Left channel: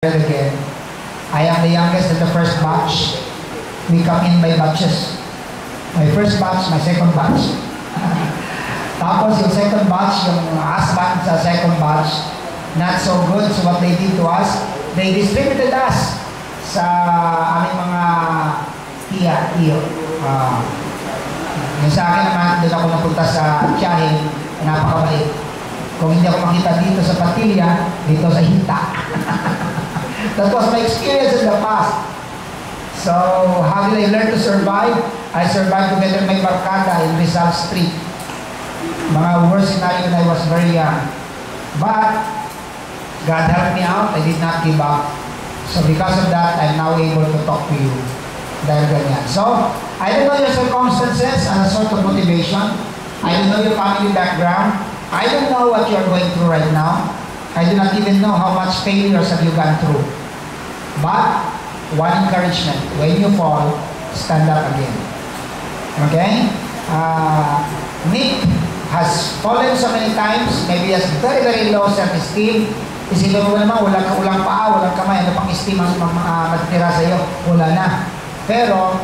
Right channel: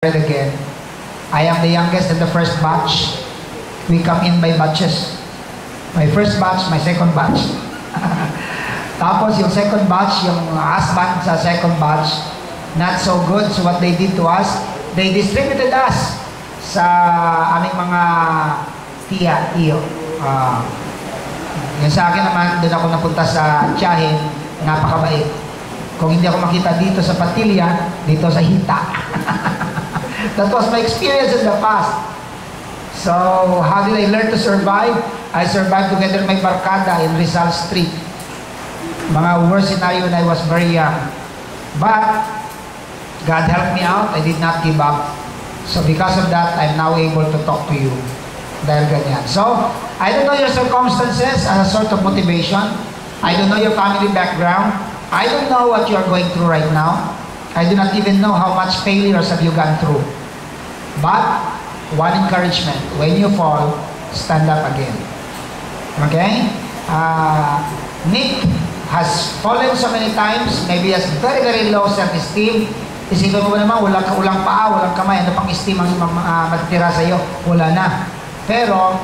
Again. I am the youngest in the first batch. We come in by batches. My first batch, my second batch. Tapos yung second batch, yung husband sa second batch, not so good. So what they did to us, they distributed us sa aming mga iyo. Yung sa akin naman, doon ako napunta sa Tiyahin, napakabait. Kung hindi ako makita dito sa Patilya, dito sa Hita. That was my experience in the past. So, how did I learn to survive? I survived together with my barkada in Rizal Street. Mga worst scenario when I was very young. But, God helped me out. I did not give up. So, because of that, I'm now able to talk to you. Dahil ganyan. So, I don't know your circumstances as a sort of motivation. I don't know your family background. I don't know what you are going through right now. I do not even know how much failures have you gone through. But, one encouragement, when you fall, stand up again. Okay? Nick has fallen so many times, maybe has very, very low self-esteem. Isipin mo naman, walang paa, walang kamay, ano pang esteem ang matitira sa'yo? Wala na. Pero,